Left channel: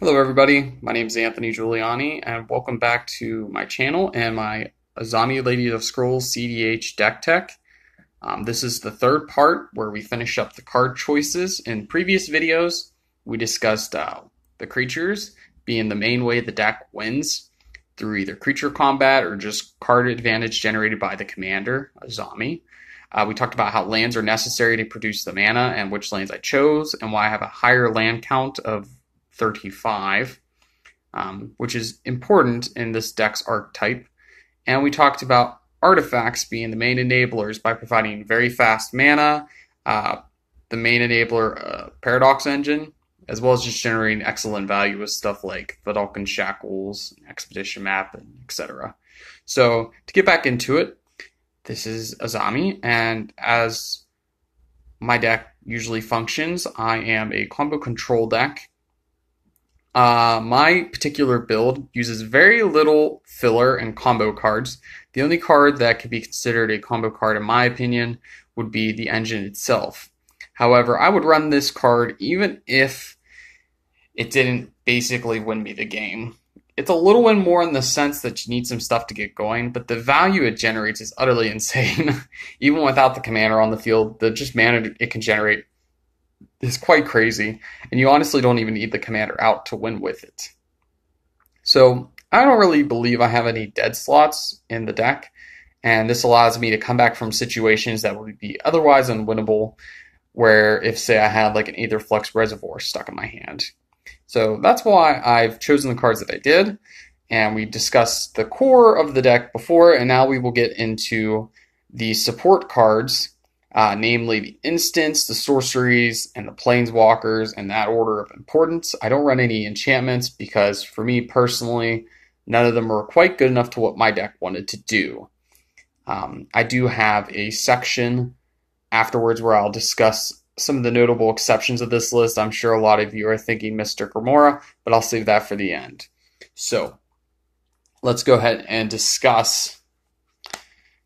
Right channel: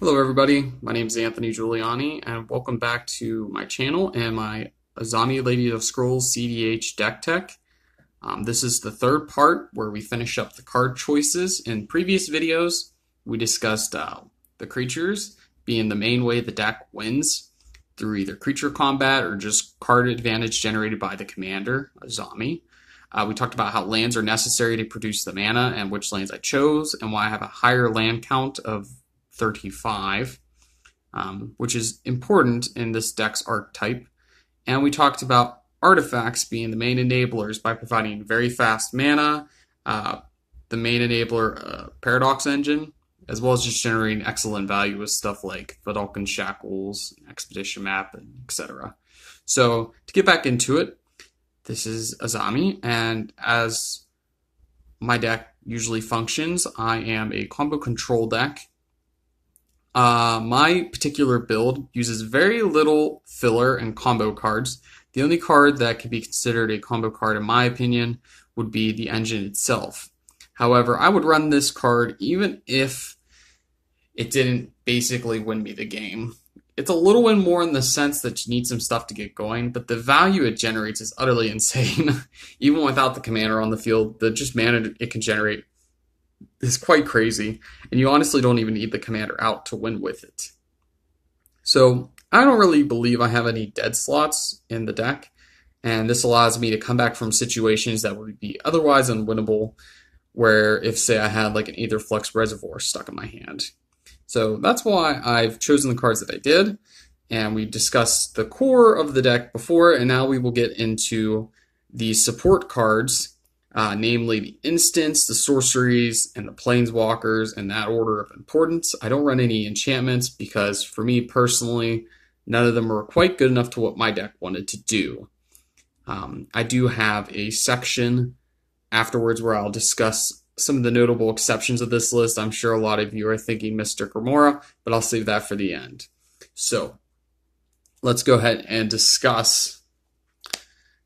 Hello everybody, my name is Anthony Giuliani and welcome back to my channel and my Azami Lady of Scrolls CEDH deck tech. This is the third part where we finish up the card choices. In previous videos we discussed the creatures being the main way the deck wins through either creature combat or just card advantage generated by the commander, Azami. We talked about how lands are necessary to produce the mana and which lands I chose and why I have a higher land count of 35, which is important in this deck's archetype. And we talked about artifacts being the main enablers by providing very fast mana, the main enabler Paradox Engine, as well as just generating excellent value with stuff like Vidalcan Shackles, Expedition Map, and etc. So to get back into it, this is Azami, and as my deck usually functions, I am a combo control deck. My particular build uses very little filler and combo cards. The only card that could be considered a combo card, in my opinion, would be the engine itself. However, I would run this card even if it didn't basically win me the game. It's a little win more in the sense that you need some stuff to get going, but the value it generates is utterly insane. Even without the commander on the field, the just mana it can generate is quite crazy, and you honestly don't even need the commander out to win with it. So I don't really believe I have any dead slots in the deck, and this allows me to come back from situations that would be otherwise unwinnable, where if, say, I had like an Aetherflux Reservoir stuck in my hand. So that's why I've chosen the cards that I did, and we discussed the core of the deck before, and now we will get into the support cards, namely the instants, the sorceries, and the planeswalkers in that order of importance. I don't run any enchantments because, for me personally, none of them were quite good enough to what my deck wanted to do. I do have a section afterwards where I'll discuss some of the notable exceptions of this list. I'm sure a lot of you are thinking Mystic Remora, but I'll save that for the end. So let's go ahead and discuss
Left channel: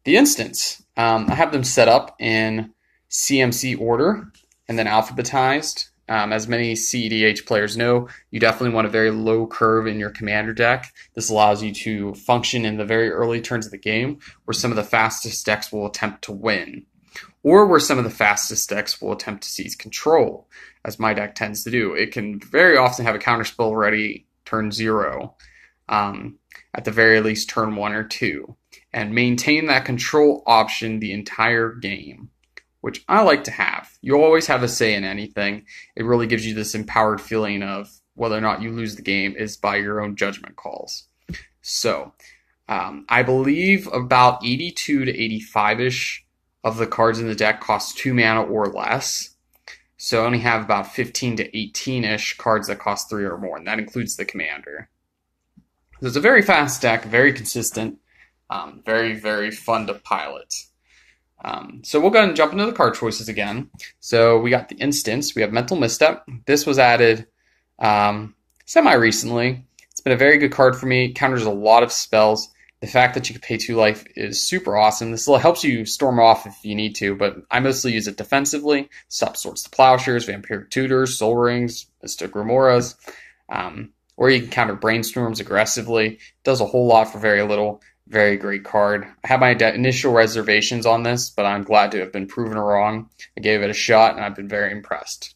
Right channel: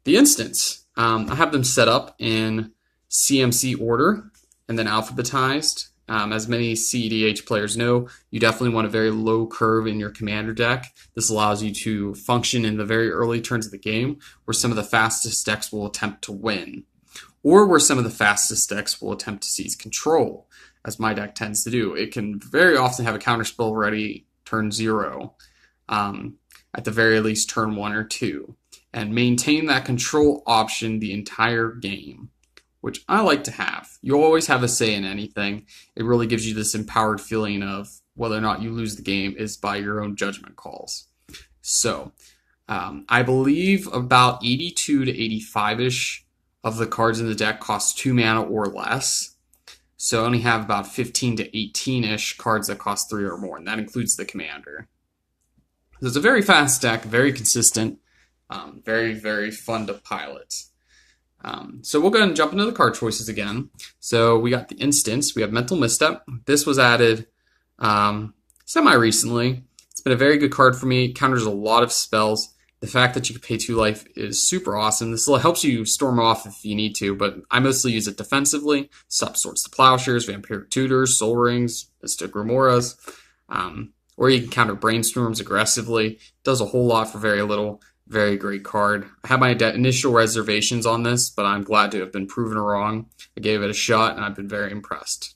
the instants. I have them set up in CMC order and then alphabetized. As many CEDH players know, you definitely want a very low curve in your commander deck. This allows you to function in the very early turns of the game, where some of the fastest decks will attempt to win, or where some of the fastest decks will attempt to seize control, as my deck tends to do. It can very often have a counterspell ready turn 0, at the very least turn 1 or 2, and maintain that control option the entire game, which I like to have. You always have a say in anything. It really gives you this empowered feeling of whether or not you lose the game is by your own judgment calls. So I believe about 82 to 85-ish of the cards in the deck cost 2 mana or less. So I only have about 15 to 18-ish cards that cost 3 or more, and that includes the commander. So it's a very fast deck, very consistent, very, very fun to pilot. So we'll go ahead and jump into the card choices again. So we got the instants. We have Mental Misstep. This was added semi-recently. It's been a very good card for me. It counters a lot of spells. The fact that you can pay 2 life is super awesome. This helps you storm off if you need to, but I mostly use it defensively. Stop Swords to Plowshares, Vampiric Tutors, Soul Rings, Mystic Remoras, or you can counter Brainstorms aggressively. It does a whole lot for very little. Very great card. I had my initial reservations on this, but I'm glad to have been proven wrong. I gave it a shot, and I've been very impressed.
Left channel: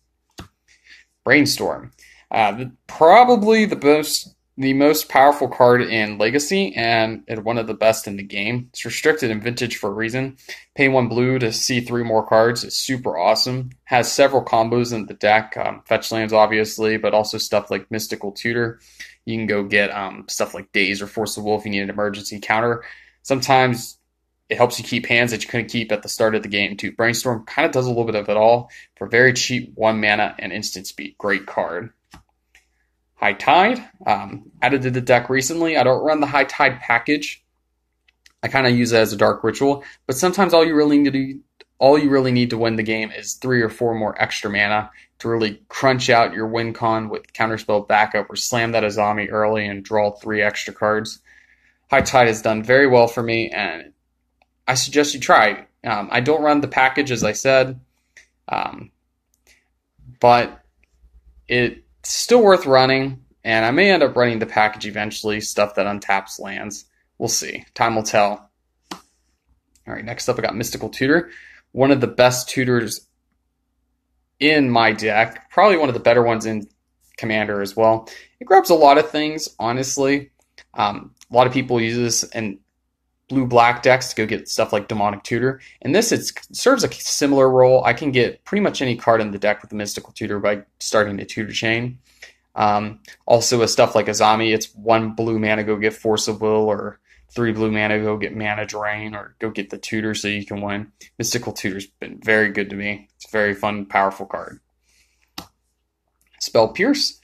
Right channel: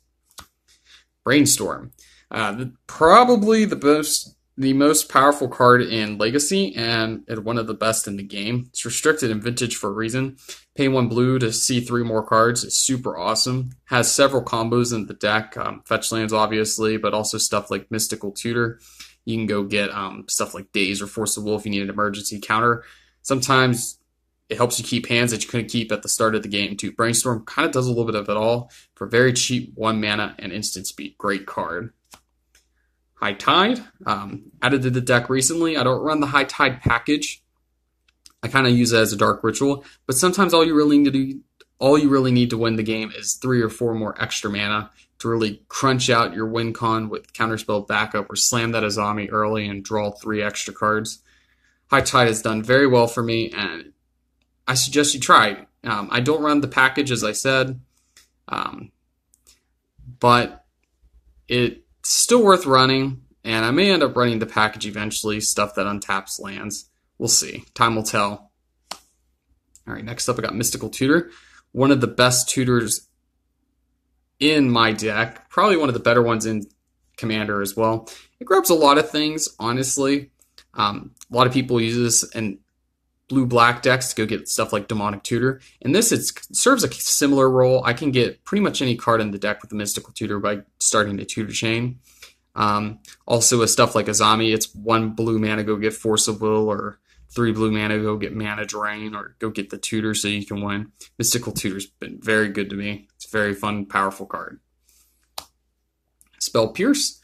Brainstorm. Probably the most powerful card in Legacy, and one of the best in the game. It's restricted in Vintage for a reason. Pay 1 blue to see 3 more cards is super awesome. Has several combos in the deck. Fetch lands, obviously, but also stuff like Mystical Tutor. You can go get stuff like Daze or Force the Will if you need an emergency counter. Sometimes it helps you keep hands that you couldn't keep at the start of the game, too. Brainstorm kind of does a little bit of it all for very cheap 1 mana and instant speed. Great card. High Tide, added to the deck recently. I don't run the High Tide package. I kind of use it as a dark ritual, but sometimes all you really need to win the game is 3 or 4 more extra mana to really crunch out your win con with counterspell backup or slam that Azami early and draw 3 extra cards. High Tide has done very well for me, and I suggest you try it. I don't run the package, as I said, but it's still worth running. and I may end up running the package eventually, stuff that untaps lands. We'll see. Time will tell. All right, next up I got Mystical Tutor. One of the best tutors in my deck, probably one of the better ones in Commander as well. It grabs a lot of things, honestly. A lot of people use this in blue-black decks to go get stuff like Demonic Tutor. And this, it serves a similar role. I can get pretty much any card in the deck with the Mystical Tutor by starting a tutor chain. Also with stuff like Azami, it's 1 blue mana, go get Force of Will, or 3 blue mana, go get Mana Drain, or go get the tutor so you can win. Mystical Tutor's been very good to me. It's a very fun, powerful card. Spell Pierce.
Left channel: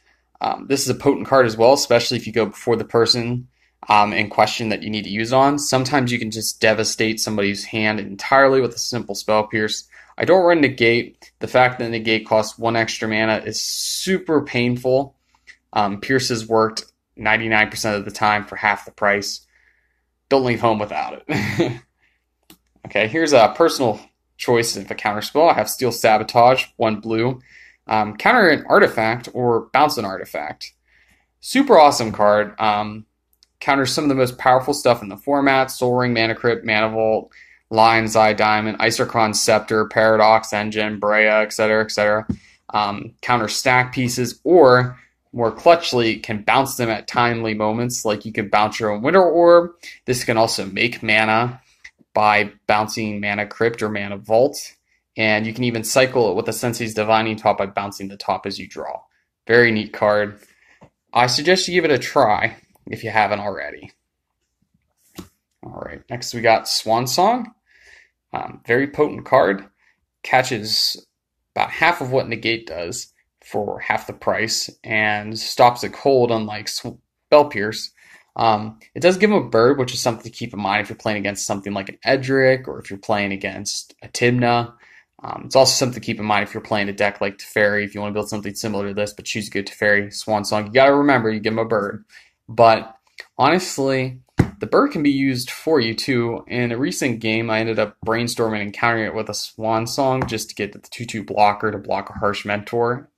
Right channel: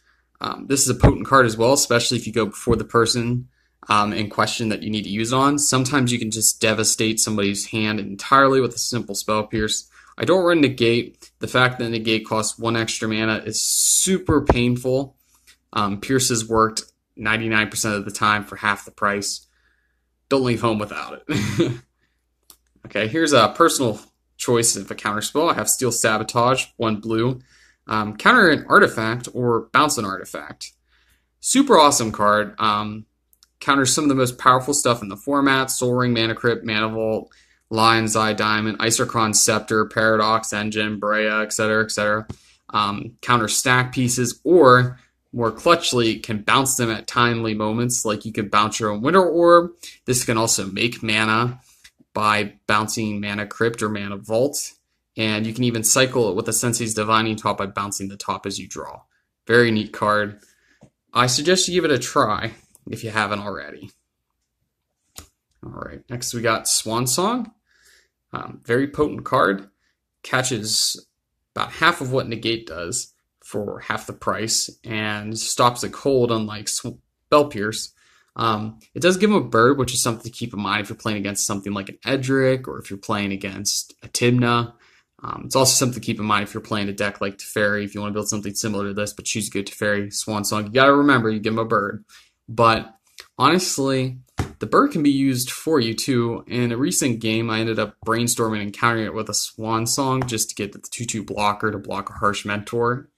This is a potent card as well, especially if you go before the person in question that you need to use on. Sometimes you can just devastate somebody's hand entirely with a simple Spell Pierce. I don't run Negate. The fact that Negate costs 1 extra mana is super painful. Pierce has worked 99% of the time for half the price. Don't leave home without it. Okay, here's a personal choice of a counter spell. I have Steel Sabotage, 1 blue. Counter an artifact or bounce an artifact. Super awesome card. Counters some of the most powerful stuff in the format: Soul Ring, Mana Crypt, Mana Vault, Lion's Eye Diamond, Isochron Scepter, Paradox Engine, Brea, etc., etc. Counter stack pieces, or more clutchly, can bounce them at timely moments, like you can bounce your own Winter Orb. This can also make mana by bouncing Mana Crypt or Mana Vault. And you can even cycle it with a Sensei's Divining Top by bouncing the top as you draw. Very neat card. I suggest you give it a try if you haven't already. All right, next we got Swan Song. Very potent card. Catches about half of what Negate does for half the price and stops it cold, unlike Spell Pierce. It does give him a bird, which is something to keep in mind if you're playing against something like an Edric or if you're playing against a Tymna. It's also something to keep in mind if you're playing a deck like Teferi, if you want to build something similar to this, but choose a good Teferi Swan Song. You got to remember, you give him a bird. But honestly, the bird can be used for you too. In a recent game, I ended up brainstorming and countering it with a Swan Song just to get the 2/2 blocker to block a Harsh Mentor.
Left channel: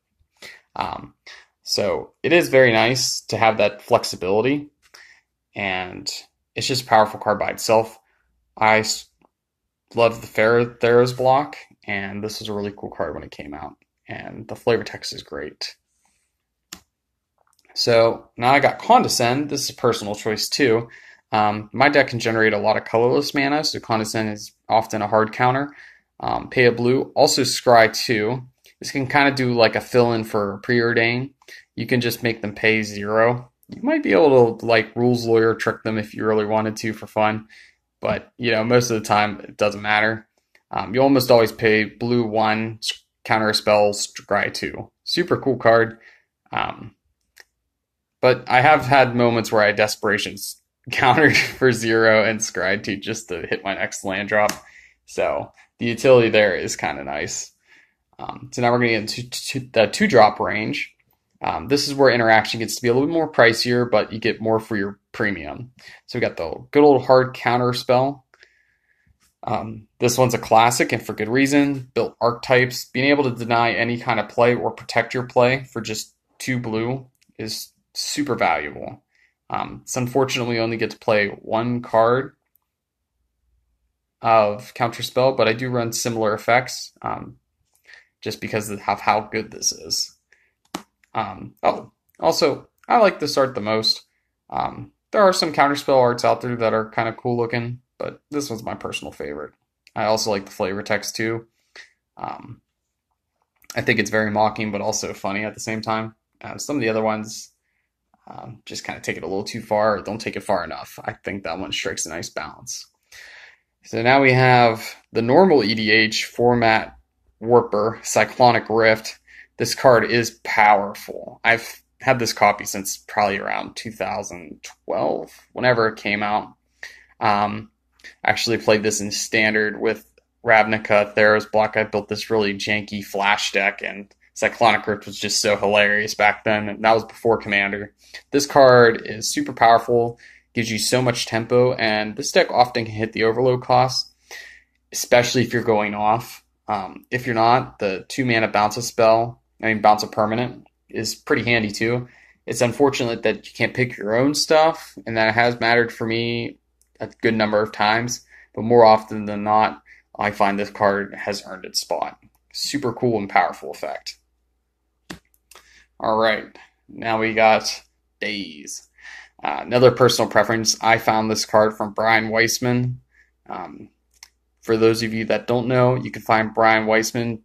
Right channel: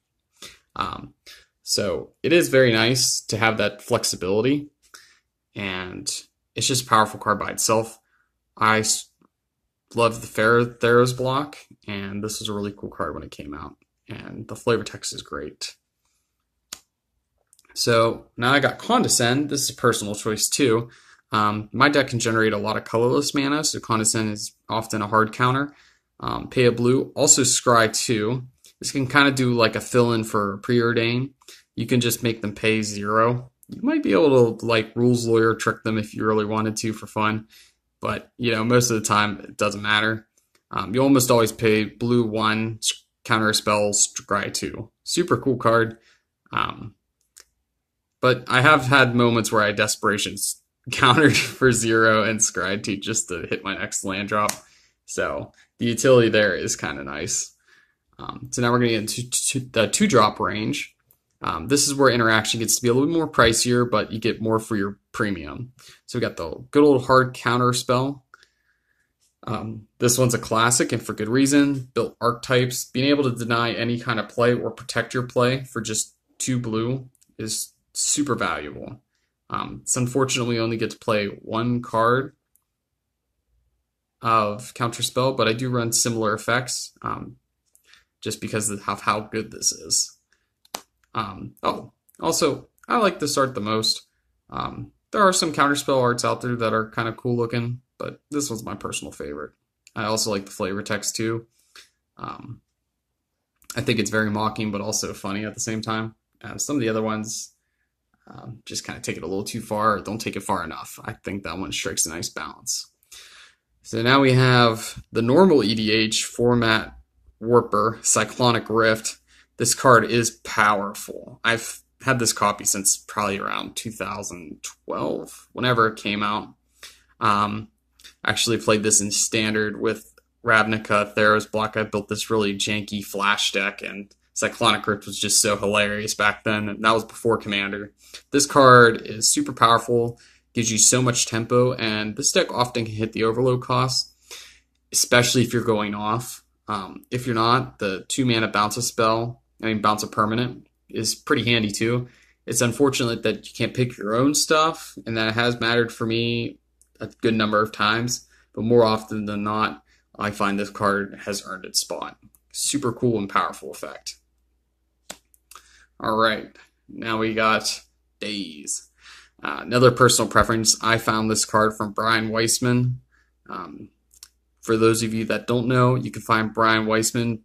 So it is very nice to have that flexibility, and it's just a powerful card by itself. I love the Theros block, and this was a really cool card when it came out, and the flavor text is great. So now I got Condescend. This is a personal choice too. My deck can generate a lot of colorless mana, so Condescend is often a hard counter. Pay a blue. Also Scry 2. This can kind of do like a fill-in for Preordain. You can just make them pay 0. You might be able to, like, Rules Lawyer trick them if you really wanted to for fun. But, you know, most of the time it doesn't matter. You almost always pay blue 1, counter a spell, Scry 2. Super cool card. But I have had moments where I Desperations countered for 0 and Scry 2 just to hit my next land drop. So the utility there is kind of nice. So now we're going to get into the 2-drop range. This is where interaction gets to be a little bit more pricier, but you get more for your premium. So we got the good old hard counter spell. This one's a classic, and for good reason. Built archetypes. Being able to deny any kind of play or protect your play for just 2 blue is super valuable. It's unfortunately we only get to play 1 card of counterspell, but I do run similar effects just because of how good this is. Also, I like this art the most. There are some counterspell arts out there that are kind of cool looking, but this one's my personal favorite. I also like the flavor text too. I think it's very mocking, but also funny at the same time. Some of the other ones just kind of take it a little too far or don't take it far enough. I think that one strikes a nice balance. So now we have the normal EDH format Warper, Cyclonic Rift. This card is powerful. I've had this copy since probably around 2012, whenever it came out. Actually played this in Standard with Ravnica, Theros block. I built this really janky flash deck, and Cyclonic Rift was just so hilarious back then, and that was before Commander. This card is super powerful, gives you so much tempo, and this deck often can hit the overload cost, especially if you're going off. If you're not, the 2 mana bounce a permanent is pretty handy too. It's unfortunate that you can't pick your own stuff, and that has mattered for me a good number of times, but more often than not, I find this card has earned its spot. Super cool and powerful effect. All right, now we got Days. Another personal preference, I found this card from Brian Weissman. For those of you that don't know, you can find Brian Weissman.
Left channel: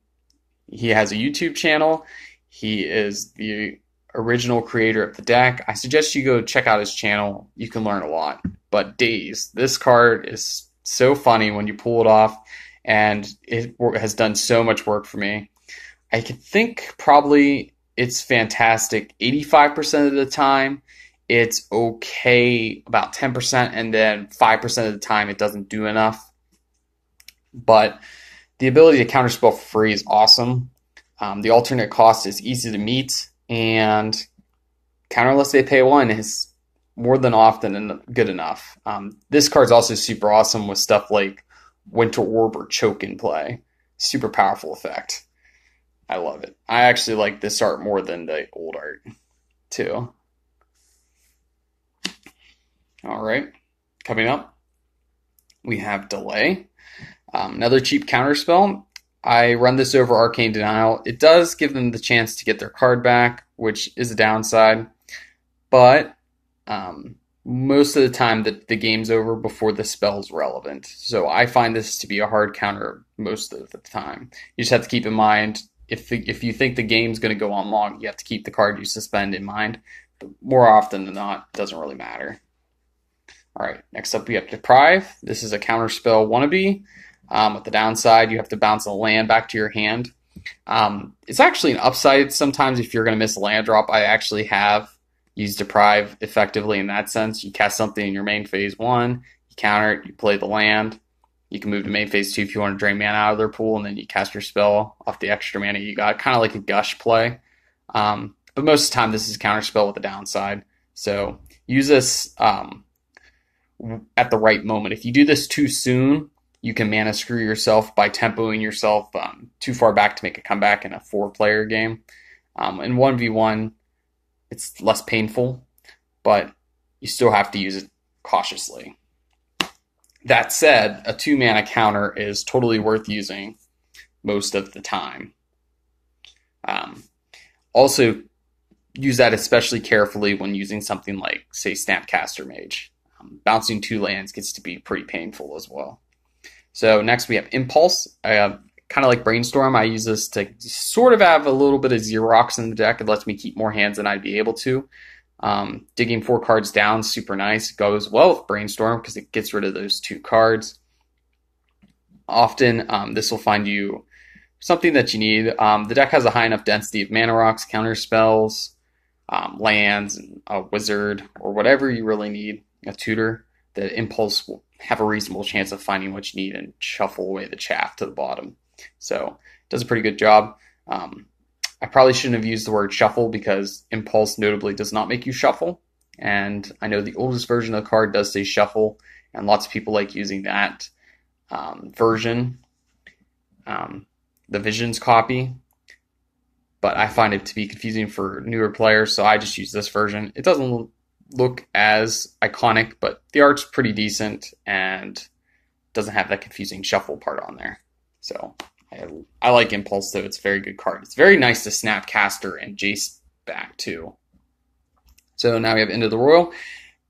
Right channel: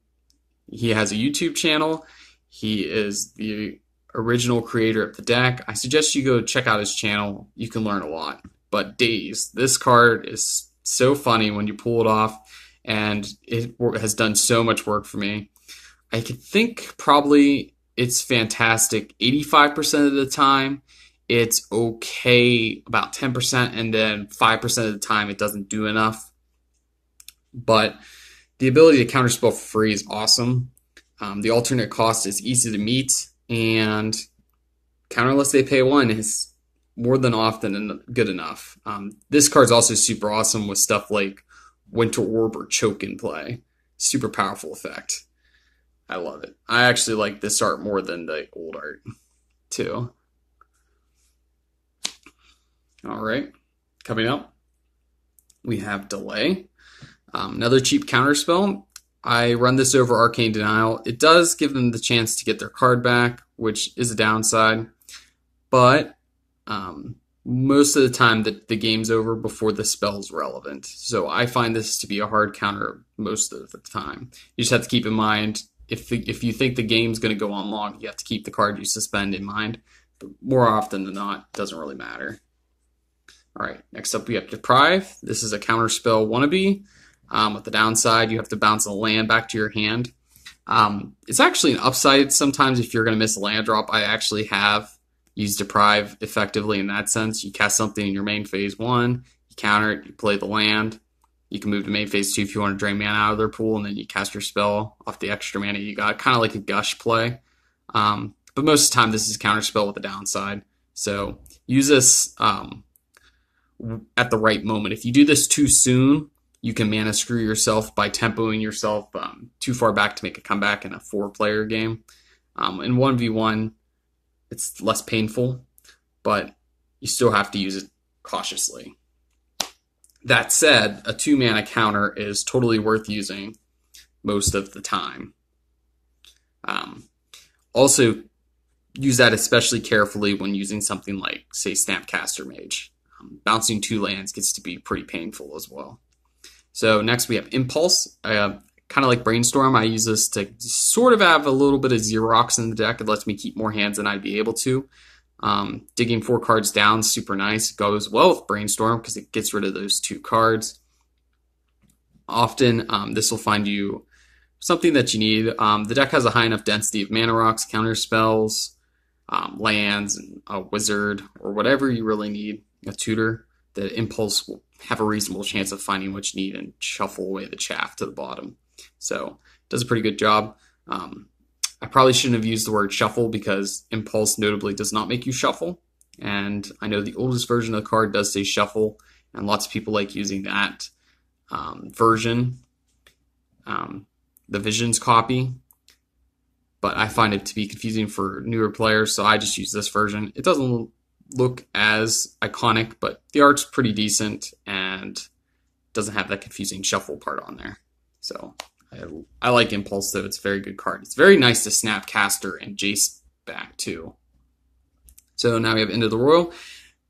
He has a YouTube channel. He is the original creator of the deck. I suggest you go check out his channel. You can learn a lot. But Days, this card is so funny when you pull it off, and it has done so much work for me. I could think probably it's fantastic 85% of the time. It's okay about 10%, and then 5% of the time it doesn't do enough. But the ability to counterspell for free is awesome. The alternate cost is easy to meet, and counter unless they pay one is more than often good enough. This card's also super awesome with stuff like Winter Orb or Choke in play. Super powerful effect. I love it. I actually like this art more than the old art, too. All right, coming up, we have Delay. Another cheap counterspell. I run this over Arcane Denial. It does give them the chance to get their card back, which is a downside, but most of the time the game's over before the spell's relevant. So I find this to be a hard counter most of the time. You just have to keep in mind, if you think the game's going to go on long, you have to keep the card you suspend in mind. But more often than not, it doesn't really matter. All right, next up we have Deprive. This is a counterspell wannabe. With the downside, you have to bounce a land back to your hand. It's actually an upside sometimes if you're going to miss a land drop. I actually have used Deprive effectively in that sense. You cast something in your main phase 1, you counter it, you play the land. You can move to main phase 2 if you want to drain mana out of their pool, and then you cast your spell off the extra mana you got, kind of like a Gush play. But most of the time, this is counterspell with a downside. So use this at the right moment. If you do this too soon, you can mana screw yourself by tempoing yourself too far back to make a comeback in a 4-player game. In 1v1, it's less painful, but you still have to use it cautiously. That said, a 2-mana counter is totally worth using most of the time. Also, use that especially carefully when using something like, say, Snapcaster Mage. Bouncing 2 lands gets to be pretty painful as well. So next we have Impulse. Kind of like Brainstorm, I use this to sort of have a little bit of Xerox in the deck. It lets me keep more hands than I'd be able to. Digging 4 cards down, super nice. It goes well with Brainstorm because it gets rid of those 2 cards. Often, this will find you something that you need. The deck has a high enough density of mana rocks, counter spells, lands, and a wizard, or whatever you really need, a tutor, that Impulse will have a reasonable chance of finding what you need and shuffle away the chaff to the bottom. So it does a pretty good job. I probably shouldn't have used the word shuffle because Impulse notably does not make you shuffle. And I know the oldest version of the card does say shuffle, and lots of people like using that version, the Visions copy. But I find it to be confusing for newer players, so I just use this version. It doesn't look as iconic, but the art's pretty decent and doesn't have that confusing shuffle part on there. So I like Impulse, though. It's a very good card. It's very nice to Snapcaster and Jace back, too. So now we have End of the Royal.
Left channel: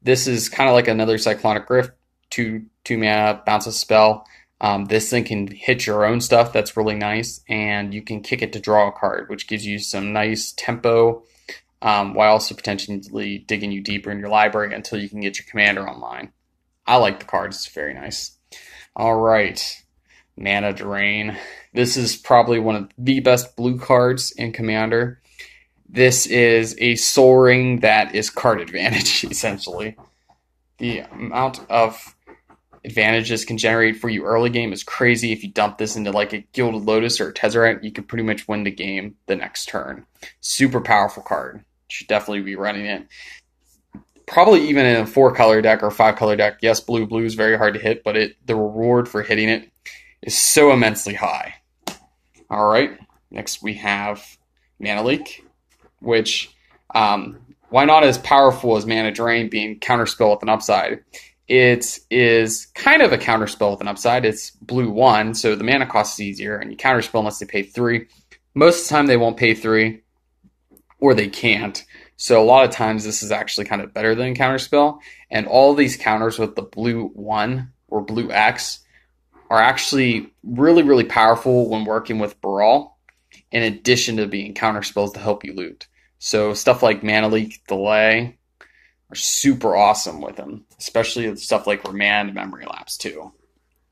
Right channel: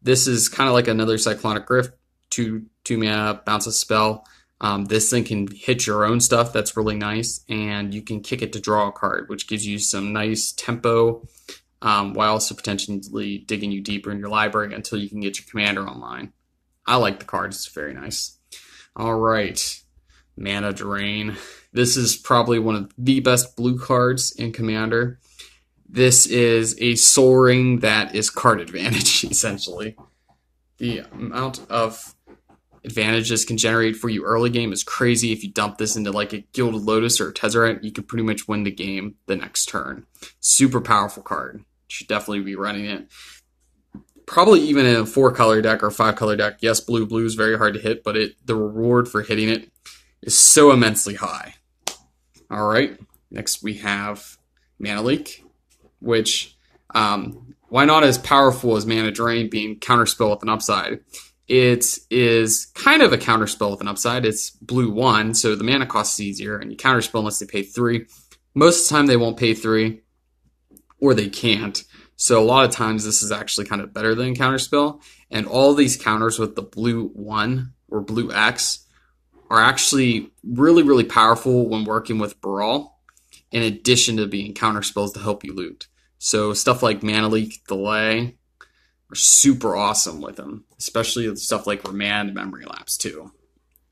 This is kind of like another Cyclonic Rift, 2 mana, bounce a spell. This thing can hit your own stuff. That's really nice. And you can kick it to draw a card, which gives you some nice tempo, while also potentially digging you deeper in your library until you can get your commander online. I like the card. It's very nice. All right. Mana Drain. This is probably one of the best blue cards in Commander. This is a Soul Ring that is card advantage, essentially. The amount of advantage this can generate for you early game is crazy. If you dump this into like a Gilded Lotus or a Tezzeret, you can pretty much win the game the next turn. Super powerful card. You should definitely be running it. Probably even in a 4-color deck or 5-color deck. Yes, blue is very hard to hit, but the reward for hitting it is so immensely high. All right, next we have Mana Leak, which why not as powerful as Mana Drain being counterspell with an upside? It is kind of a counterspell with an upside. It's blue 1, so the mana cost is easier, and you counterspell unless they pay 3. Most of the time they won't pay 3, or they can't. So a lot of times this is actually kind of better than counterspell. And all these counters with the blue 1 or blue X are actually really, really powerful when working with Brawl, in addition to being counterspells to help you loot. So stuff like Mana Leak, Delay are super awesome with them, especially with stuff like Remand, Memory Lapse too.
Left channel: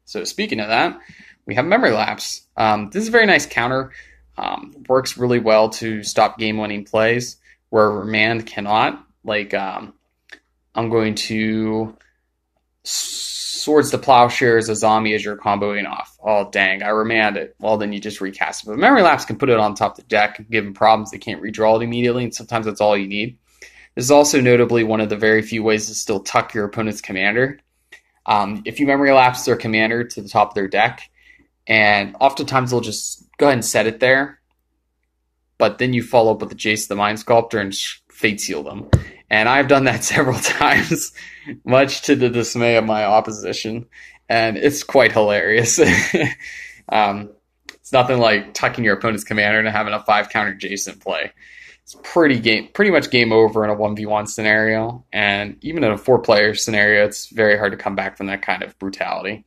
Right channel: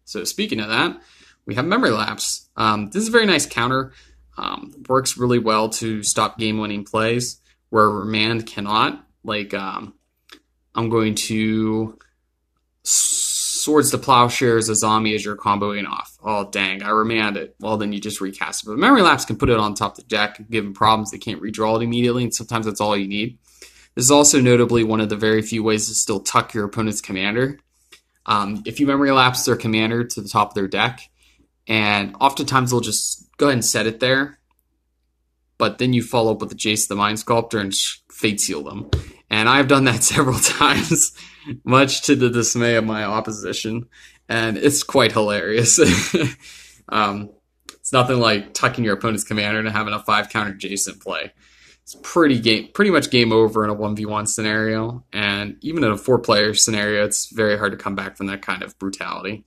So speaking of that, we have Memory Lapse. This is a very nice counter. Works really well to stop game-winning plays where Remand cannot. Like, I'm going to Swords to Plowshares Azami as you're comboing off. Oh, dang, I Remand it. Well, then you just recast it. But Memory Lapse can put it on top of the deck, give them problems. They can't redraw it immediately, and sometimes that's all you need. This is also notably one of the very few ways to still tuck your opponent's commander. If you Memory Lapse their commander to the top of their deck, and oftentimes they'll just go ahead and set it there, but then you follow up with the Jace the Mind Sculptor and Fate Seal them. And I've done that several times, much to the dismay of my opposition, and it's quite hilarious. It's nothing like tucking your opponent's commander and having a 5-counter Jace in play. It's pretty much game over in a 1v1 scenario, and even in a 4-player scenario, it's very hard to come back from that kind of brutality.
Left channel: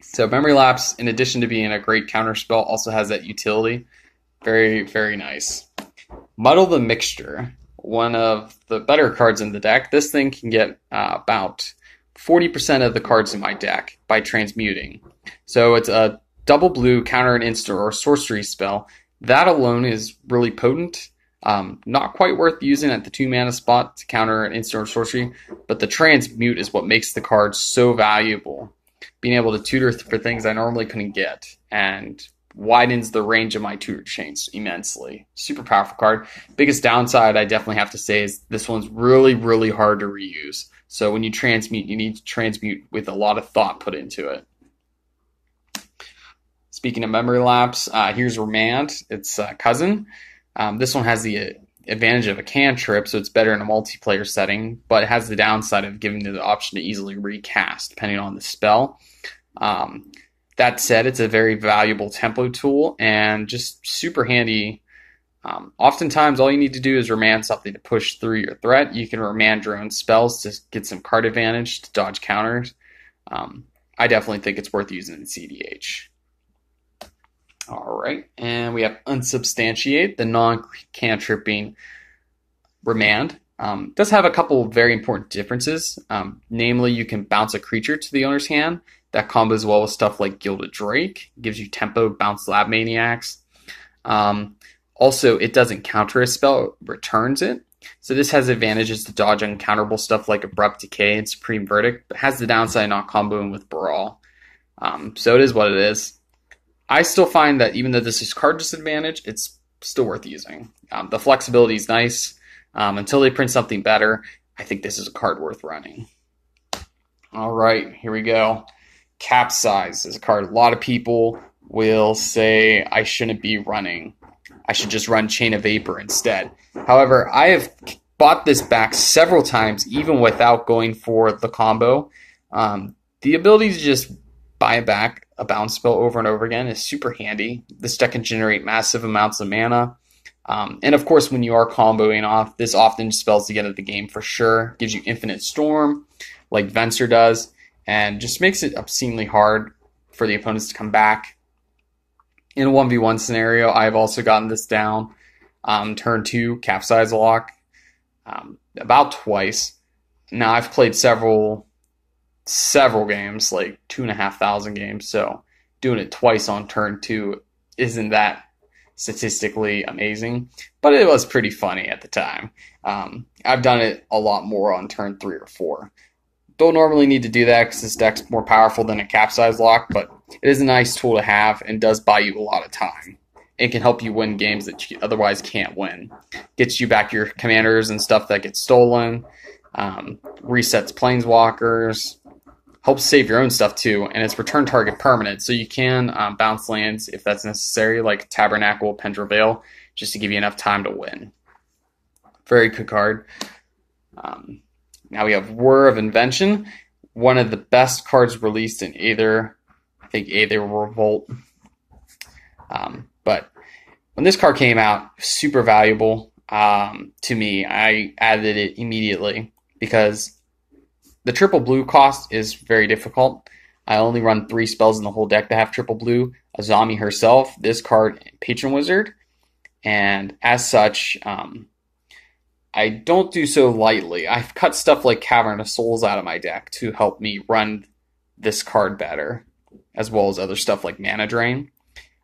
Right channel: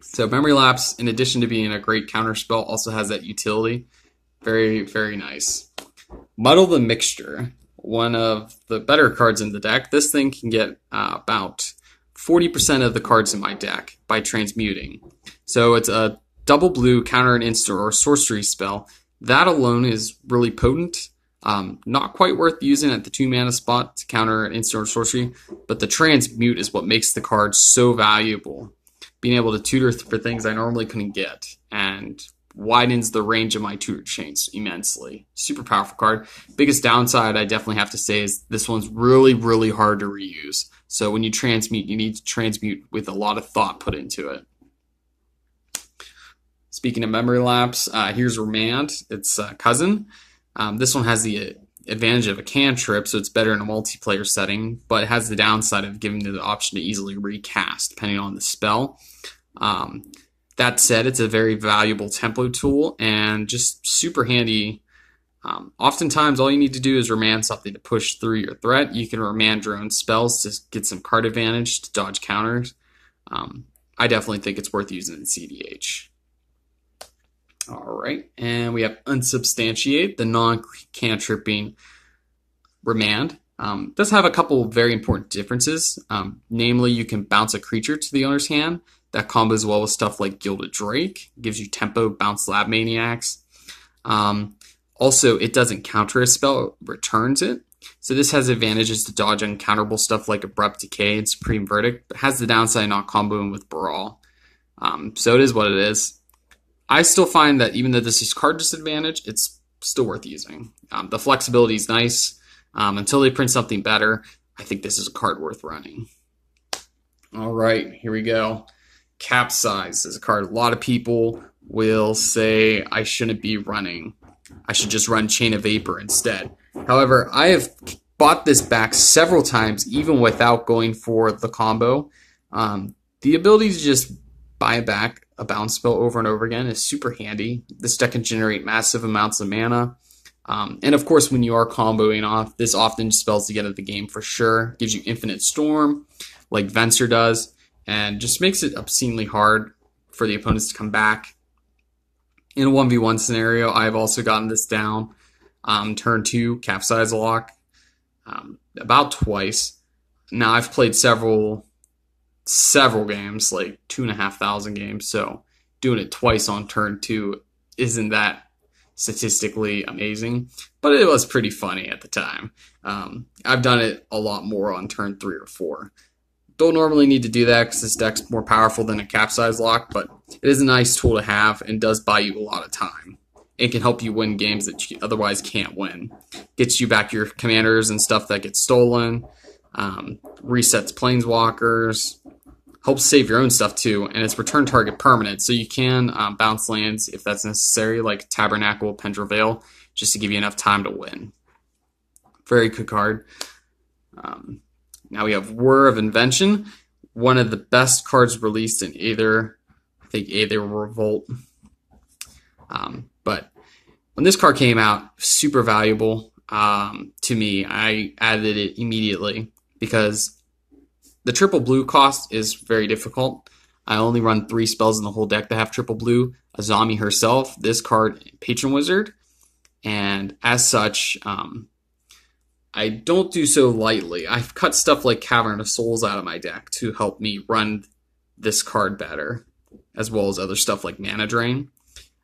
So Memory Lapse, in addition to being a great counterspell, also has that utility. Very, very nice. Muddle the Mixture, one of the better cards in the deck. This thing can get about 40% of the cards in my deck by transmuting. So it's a double blue counter an instant or sorcery spell. That alone is really potent. Not quite worth using at the 2-mana spot to counter an instant or sorcery, but the transmute is what makes the card so valuable. Being able to tutor for things I normally couldn't get, and widens the range of my tutor chains immensely. Super powerful card. Biggest downside I definitely have to say is this one's really, really hard to reuse. So when you transmute, you need to transmute with a lot of thought put into it. Speaking of Memory Lapse, here's Remand. It's cousin. This one has the advantage of a cantrip, so it's better in a multiplayer setting, but it has the downside of giving you the option to easily recast, depending on the spell. That said, it's a very valuable tempo tool and just super handy. Oftentimes, all you need to do is Remand something to push through your threat. You can Remand your own spells to get some card advantage to dodge counters. I definitely think it's worth using in CEDH. All right, and we have Unsubstantiate, the non-cantripping Remand. Does have a couple of very important differences. Namely, you can bounce a creature to the owner's hand. That combos well with stuff like Gilded Drake. Gives you tempo, bounce Lab Maniacs. Also, it doesn't counter a spell, it returns it. So this has advantages to dodge uncounterable stuff like Abrupt Decay and Supreme Verdict, but has the downside not comboing with Brawl. So it is what it is. I still find that even though this is card disadvantage, it's still worth using. The flexibility is nice. Until they print something better, I think this is a card worth running. All right, here we go. Capsize is a card a lot of people will say I shouldn't be running. I should just run Chain of Vapor instead. However, I have bought this back several times, even without going for the combo. The ability to just buy back a bounce spell over and over again is super handy. This deck can generate massive amounts of mana. And of course, when you are comboing off, this often spells to get at the game for sure. Gives you Infinite Storm, like Venser does, and just makes it obscenely hard for the opponents to come back. In a 1v1 scenario, I've also gotten this down. Turn 2, Capsize Lock, about twice. Now, I've played several games, like 2,500 games, so doing it twice on turn 2 isn't that statistically amazing, but it was pretty funny at the time. I've done it a lot more on turn 3 or 4. Don't normally need to do that because this deck's more powerful than a Capsize Lock, but it is a nice tool to have and does buy you a lot of time. It can help you win games that you otherwise can't win. Gets you back your commanders and stuff that gets stolen, resets planeswalkers, helps save your own stuff too, and it's return target permanent, so you can bounce lands if that's necessary, like Tabernacle, Pendra Veil, just to give you enough time to win. Very good card. Now we have War of Invention, one of the best cards released in Aether. I think Aether Revolt. But when this card came out, super valuable to me. I added it immediately because the triple blue cost is very difficult. I only run 3 spells in the whole deck that have triple blue. Azami herself, this card, and Patron Wizard. And as such, I don't do so lightly. I've cut stuff like Cavern of Souls out of my deck to help me run this card better, as well as other stuff like Mana Drain.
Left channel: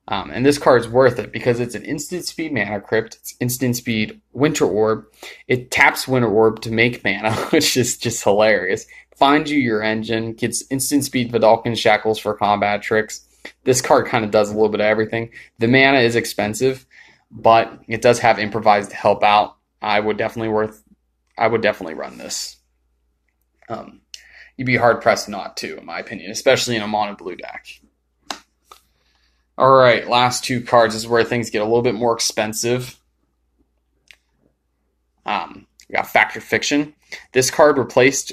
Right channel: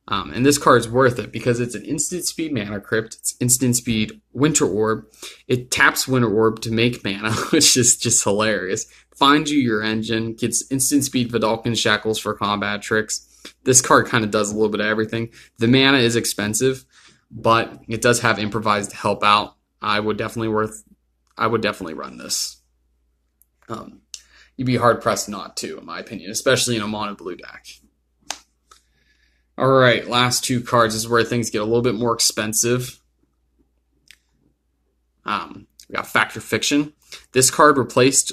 And this card's worth it because it's an instant speed Mana Crypt. It's instant speed Winter Orb. It taps Winter Orb to make mana, which is just hilarious. Finds you your engine, gets instant speed Vidalcan Shackles for combat tricks. This card kind of does a little bit of everything. The mana is expensive, but it does have Improvise to help out. I would definitely run this. You'd be hard pressed not to, in my opinion, especially in a mono blue deck. All right, last 2 cards. This is where things get a little bit more expensive. We got Fact or Fiction. This card replaced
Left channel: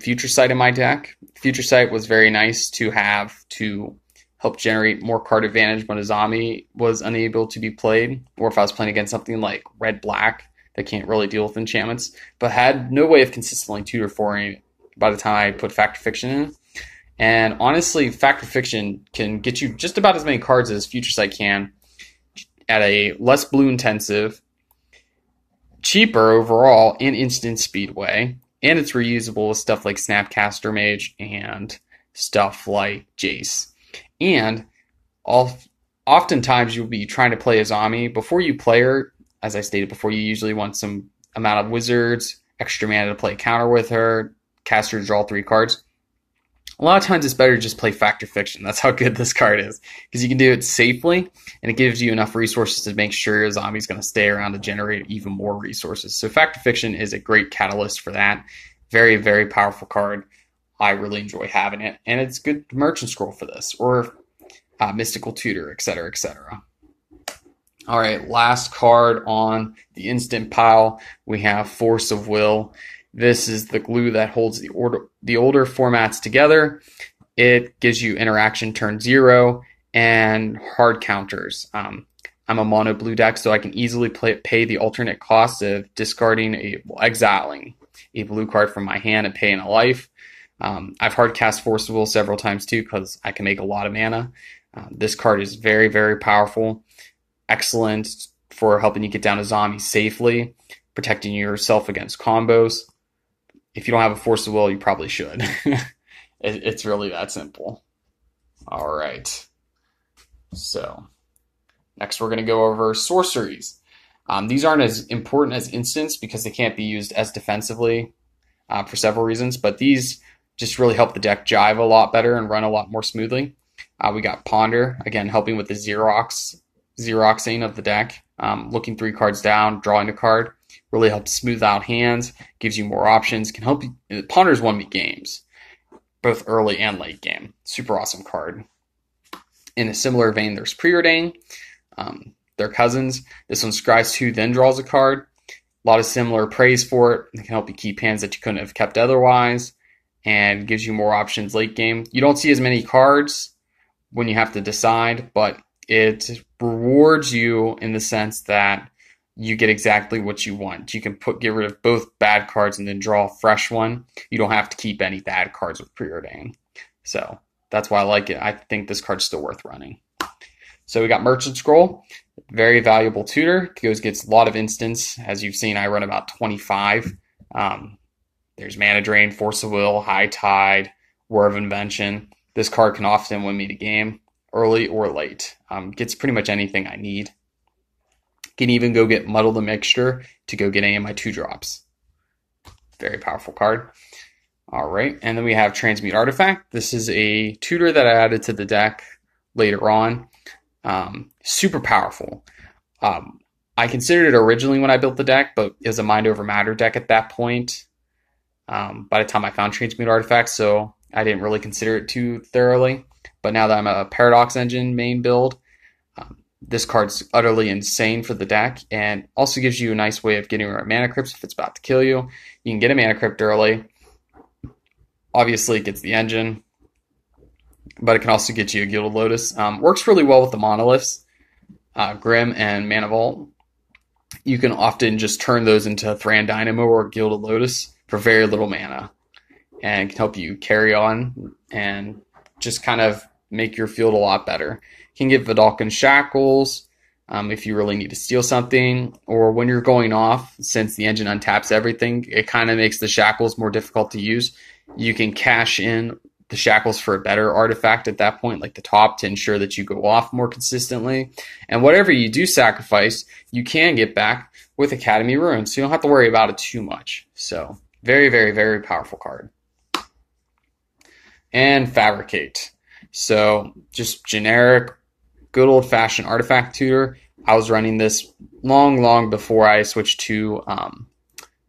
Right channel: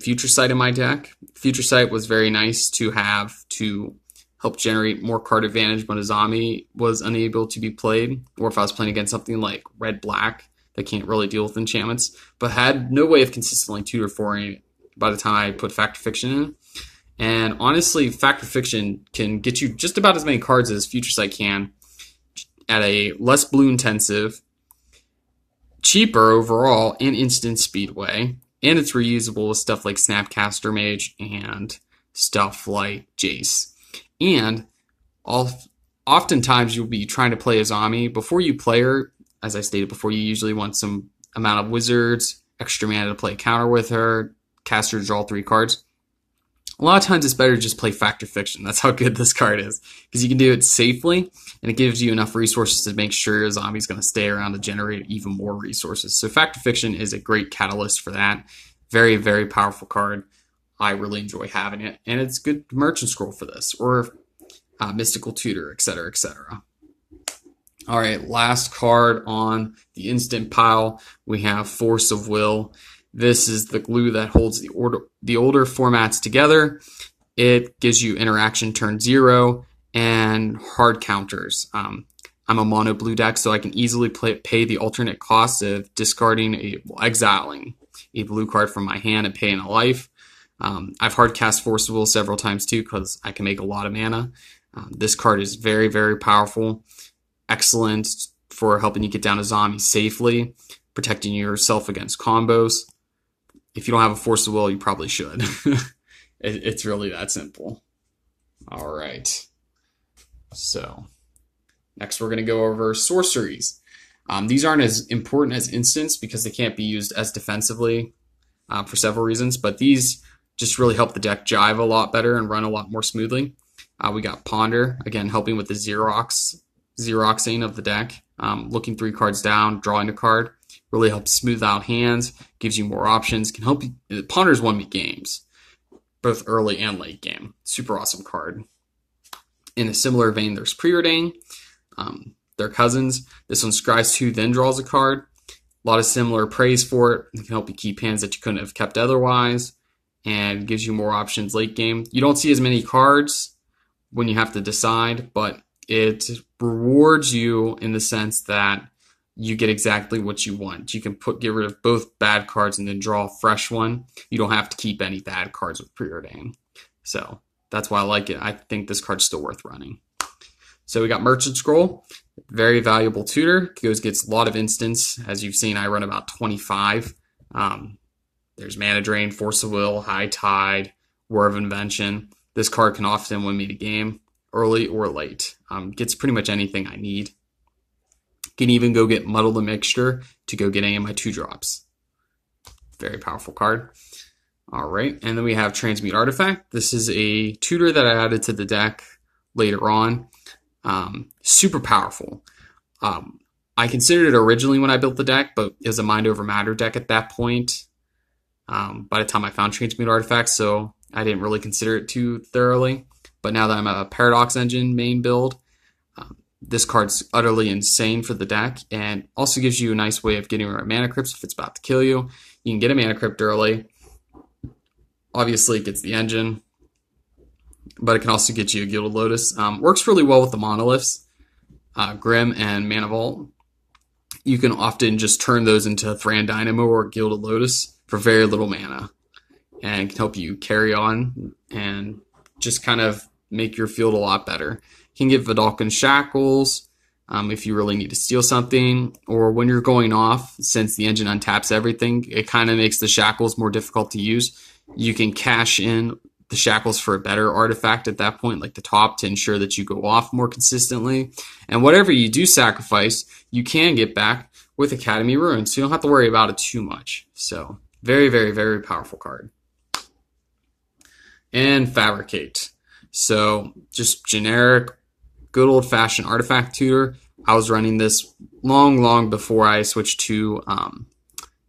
Future Sight in my deck. Future Sight was very nice to have to help generate more card advantage when Azami was unable to be played, or if I was playing against something like red-black that can't really deal with enchantments, but had no way of consistently tutor for it by the time I put Fact or Fiction in. And honestly, Fact or Fiction can get you just about as many cards as Future Sight can at a less blue intensive, cheaper overall, and instant speed way. And it's reusable with stuff like Snapcaster Mage and stuff like Jace. And oftentimes you'll be trying to play Azami. Before you play her, as I stated before, you usually want some amount of wizards, extra mana to play counter with her, cast her to draw 3 cards. A lot of times it's better to just play Fact or Fiction. That's how good this card is. Because you can do it safely, and it gives you enough resources to make sure Azami's going to stay around to generate even more resources. So Fact or Fiction is a great catalyst for that. Very, very powerful card. I really enjoy having it. And it's good Merchant Scroll for this, or Mystical Tutor, etc., etc. All right, last card on the instant pile. We have Force of Will. This is the glue that holds the older formats together. It gives you interaction turn 0 and hard counters. I'm a mono blue deck, so I can easily pay the alternate cost of discarding exiling a blue card from my hand and paying a life. I've hard cast Force of Will several times too because I can make a lot of mana. This card is very, very powerful. Excellent for helping you get down to Azami safely, protecting yourself against combos. If you don't have a Force of Will, you probably should. It's really that simple. All right. So next we're going to go over sorceries. These aren't as important as instants because they can't be used as defensively for several reasons, but these just really help the deck jive a lot better and run a lot more smoothly. We got Ponder, again, helping with the Xeroxing of the deck. Looking 3 cards down, drawing a card. Really helps smooth out hands, gives you more options, can help you. Ponder's won me games, both early and late game. Super awesome card. In a similar vein, there's Preordain. They're cousins. This one scries 2, then draws a card. A lot of similar praise for it. It can help you keep hands that you couldn't have kept otherwise, and gives you more options late game. You don't see as many cards when you have to decide, but it rewards you in the sense that you get exactly what you want. You can get rid of both bad cards and then draw a fresh one. You don't have to keep any bad cards with Preordain. So that's why I like it. I think this card's still worth running. So we got Merchant Scroll, very valuable tutor. Gets a lot of instants. As you've seen, I run about 25. There's Mana Drain, Force of Will, High Tide, War of Invention. This card can often win me the game, early or late. Gets pretty much anything I need. Can even go get Muddle the Mixture to go get any of my 2-drops. Very powerful card. All right, and then we have Transmute Artifact. This is a tutor that I added to the deck later on. Super powerful. I considered it originally when I built the deck, but it was a Mind Over Matter deck at that point. By the time I found Transmute Artifact, so I didn't really consider it too thoroughly. But now that I'm a Paradox Engine main build, This card's utterly insane for the deck, and also gives you a nice way of getting rid of mana crypts if it's about to kill you. You can get a mana crypt early. Obviously, it gets the engine, but it can also get you a Gilded Lotus. Works really well with the monoliths, Grim and Mana Vault. You can often just turn those into Thran Dynamo or Gilded Lotus for very little mana, and can help you carry on and just kind of make your field a lot better. You can get Vidalcan Shackles if you really need to steal something, or when you're going off, since the engine untaps everything, it kind of makes the Shackles more difficult to use. You can cash in the Shackles for a better artifact at that point, like the top, to ensure that you go off more consistently. And whatever you do sacrifice, you can get back with Academy Ruins, so you don't have to worry about it too much. So, very, very, very powerful card. And Fabricate. So, just generic, good old-fashioned artifact tutor. I was running this long before I switched to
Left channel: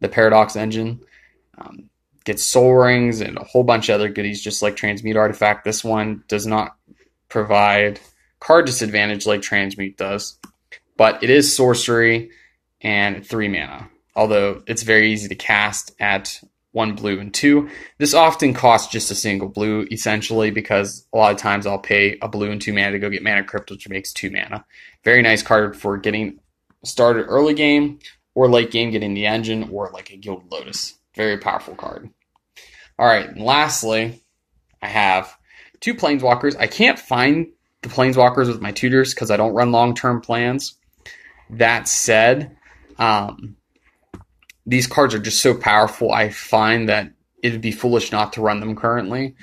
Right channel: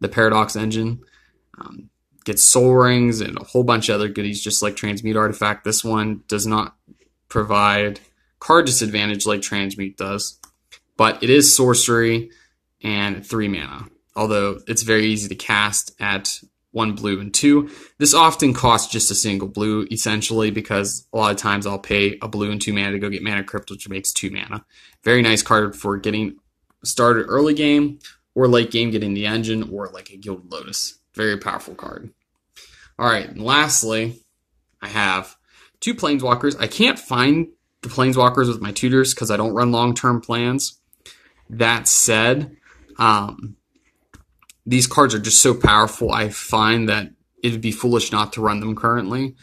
the Paradox engine. Gets soul rings and a whole bunch of other goodies, just like Transmute Artifact. This one does not provide card disadvantage like Transmute does, but it is sorcery and 3 mana, although it's very easy to cast at 1 blue and 2. This often costs just a single blue, essentially, because a lot of times I'll pay a blue and 2 mana to go get Mana Crypt, which makes 2 mana. Very nice card for getting started early game, or late game getting the engine, or like a Gilded Lotus. Very powerful card. All right, and lastly, I have 2 Planeswalkers. I can't find the Planeswalkers with my tutors because I don't run long-term plans. That said, these cards are just so powerful, I find that it would be foolish not to run them currently.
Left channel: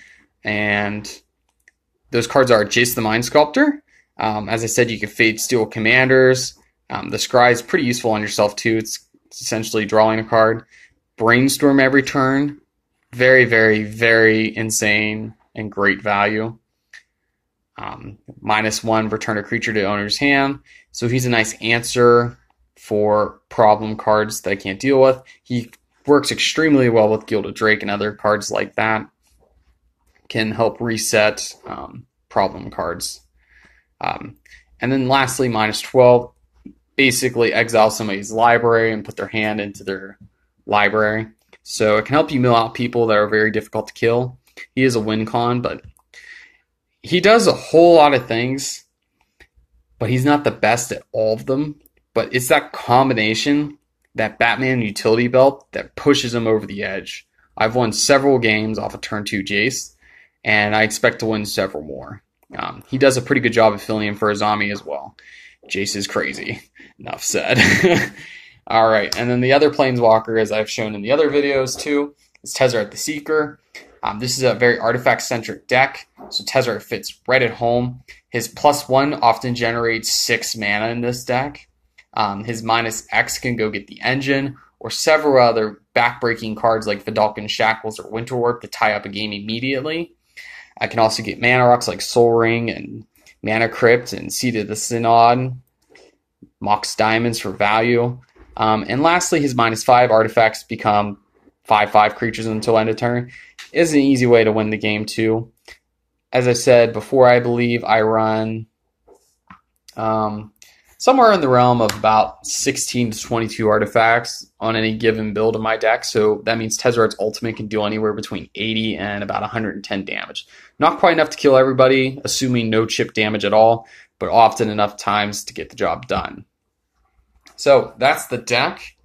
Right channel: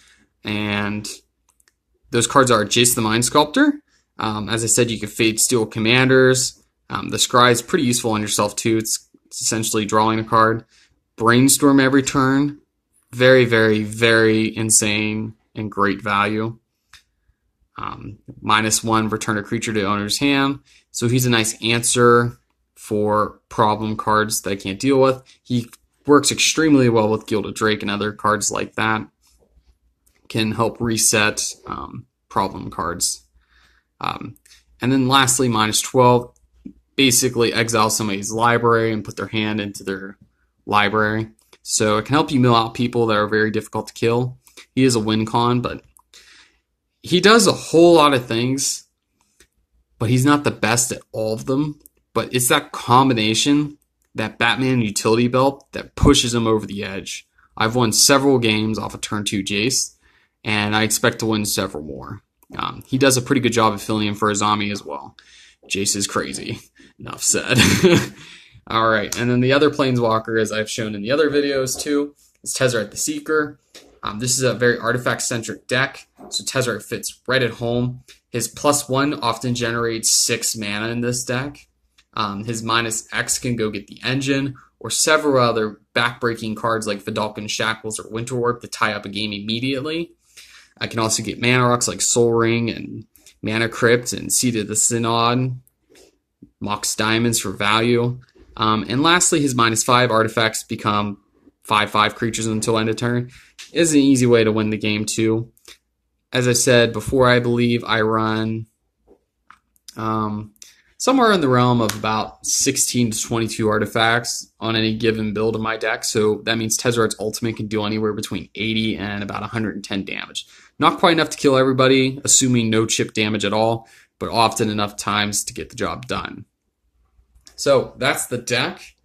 And those cards are Jace the Mind Sculptor. As I said, you can Fate Steel Commanders. The Scry is pretty useful on yourself too. It's essentially drawing a card. Brainstorm every turn. Very, very, very insane and great value. -1, return a creature to owner's hand. So he's a nice answer for problem cards that I can't deal with. He works extremely well with Gilded Drake and other cards like that. Can help reset problem cards. And then lastly, -12. Basically exile somebody's library and put their hand into their library. So it can help you mill out people that are very difficult to kill. He is a win con, but he does a whole lot of things, but he's not the best at all of them. But it's that combination, that Batman utility belt, that pushes him over the edge. I've won several games off of turn 2 Jace, and I expect to win several more. He does a pretty good job of filling in for Azami as well. Jace is crazy. Enough said. All right, and then the other Planeswalker, as I've shown in the other videos too, is Tezzeret the Seeker. This is a very artifact-centric deck, so Tezzeret fits right at home. His +1 often generates 6 mana in this deck. His -X can go get the engine, or several other back-breaking cards like Vidalcan Shackles or Winterwarp to tie up a game immediately. I can also get mana rocks like Soul Ring and Mana Crypt and Seed of the Synod, Mox Diamonds for value. And lastly, his -5 artifacts become 5/5 creatures until end of turn. Is an easy way to win the game too. As I said before, I believe I run somewhere in the realm of about 16 to 22 artifacts on any given build of my deck. So that means Tezzeret's ultimate can do anywhere between 80 and about 110 damage. Not quite enough to kill everybody, assuming no chip damage at all, but often enough times to get the job done. So that's the deck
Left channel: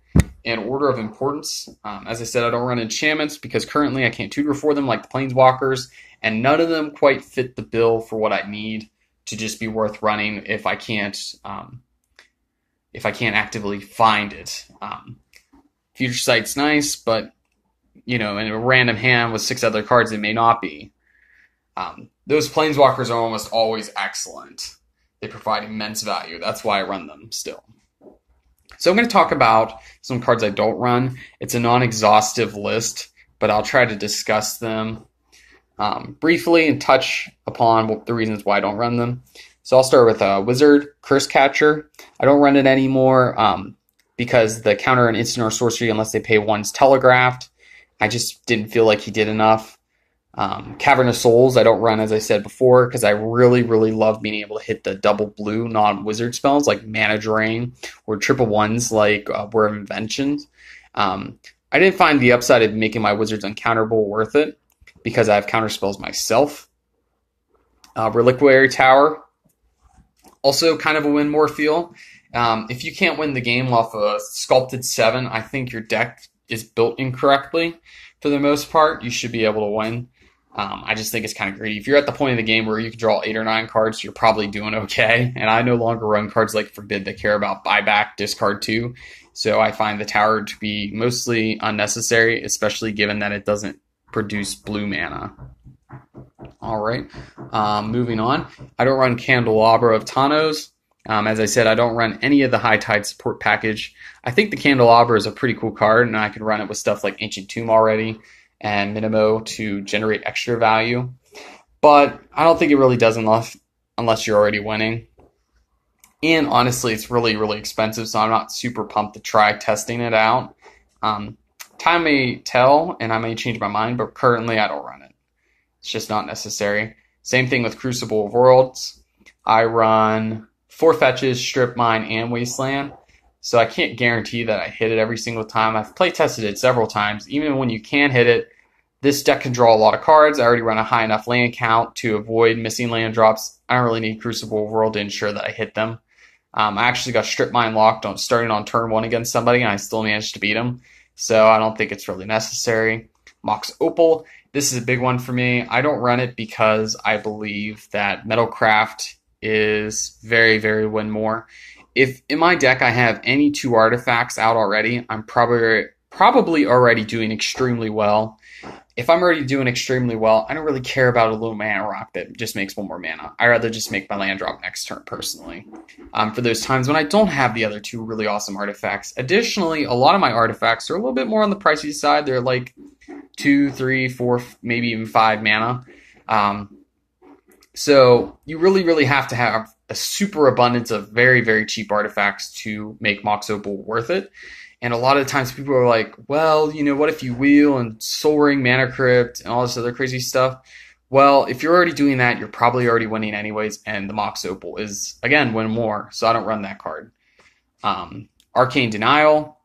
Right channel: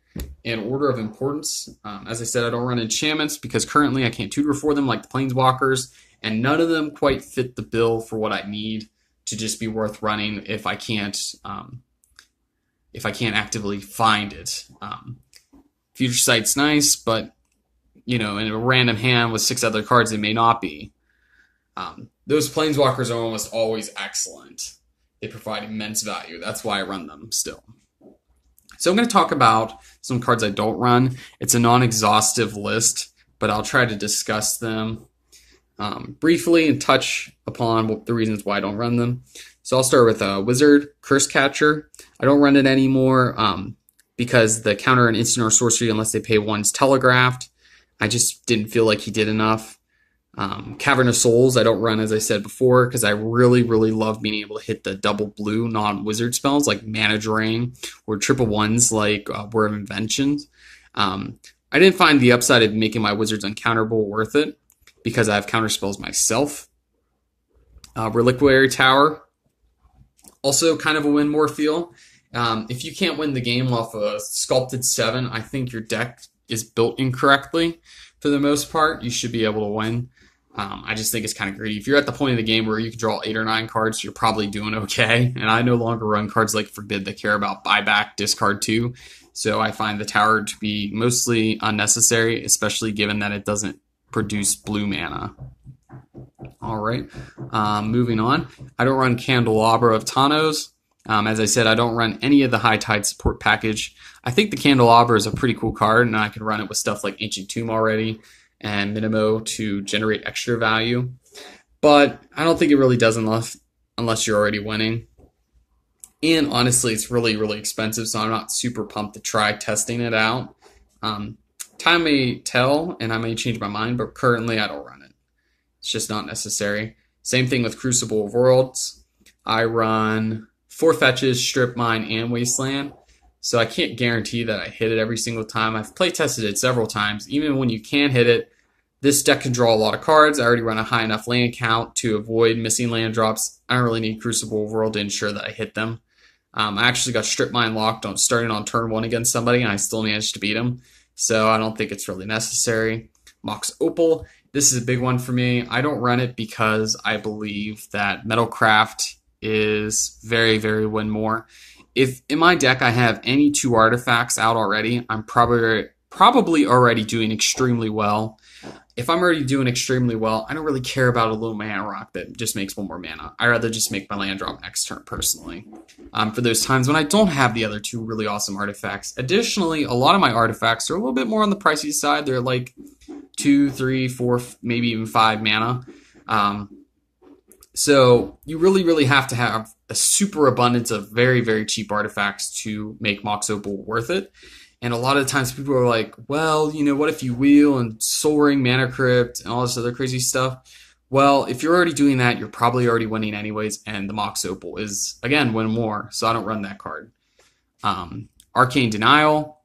in order of importance. As I said, I don't run enchantments because currently I can't tutor for them like the Planeswalkers, and none of them quite fit the bill for what I need to just be worth running if I can't actively find it. Future Sight's nice, but in a random hand with 6 other cards, it may not be. Those Planeswalkers are almost always excellent. They provide immense value. That's why I run them still. So I'm going to talk about some cards I don't run. It's a non-exhaustive list, but I'll try to discuss them briefly and touch upon the reasons why I don't run them. So I'll start with Wizard, Curse Catcher. I don't run it anymore because the counter and instant or sorcery, unless they pay 1's telegraphed. I just didn't feel like he did enough. Cavern of Souls I don't run, as I said before, because I really, really love being able to hit the double blue non-wizard spells like Mana Drain or triple ones like Word of Inventions. I didn't find the upside of making my wizards uncounterable worth it because I have counter spells myself. Reliquary Tower, also kind of a win more feel. If you can't win the game off a Sculpted 7, I think your deck is built incorrectly. For the most part, you should be able to win. I just think it's kind of greedy. If you're at the point of the game where you can draw 8 or 9 cards, you're probably doing okay. And I no longer run cards like Forbid that care about buyback, discard 2. So I find the tower to be mostly unnecessary, especially given that it doesn't produce blue mana. All right, moving on. I don't run Candelabra of Tano's. As I said, I don't run any of the High Tide support package. I think the Candelabra is a pretty cool card, and I can run it with stuff like Ancient Tomb already and Minimo to generate extra value. But I don't think it really does enough unless you're already winning. And honestly, it's really, really expensive, so I'm not super pumped to try testing it out. Time may tell, and I may change my mind, but currently I don't run it. It's just not necessary. Same thing with Crucible of Worlds. I run 4 fetches, Strip Mine, and Wasteland. So I can't guarantee that I hit it every single time. I've play tested it several times. Even when you can hit it, this deck can draw a lot of cards. I already run a high enough land count to avoid missing land drops. I don't really need Crucible of World to ensure that I hit them. I actually got Strip Mine locked on starting on turn 1 against somebody, and I still managed to beat him. So I don't think it's really necessary. Mox Opal. This is a big one for me. I don't run it because I believe that Metalcraft is very, very win more. If in my deck I have any 2 artifacts out already, I'm probably already doing extremely well. If I'm already doing extremely well, I don't really care about a little mana rock that just makes 1 more mana. I'd rather just make my land drop next turn, personally. For those times when I don't have the other 2 really awesome artifacts. Additionally, a lot of my artifacts are a little bit more on the pricey side. They're like 2, 3, 4, maybe even 5 mana. So you really, really have to have a super abundance of very, very cheap artifacts to make Mox Opal worth it. And a lot of times people are like, well, you know, what if you wheel and Soul Ring, Mana Crypt, and all this other crazy stuff? Well, if you're already doing that, you're probably already winning anyways, and the Mox Opal is, again, win more, so I don't run that card. Arcane Denial,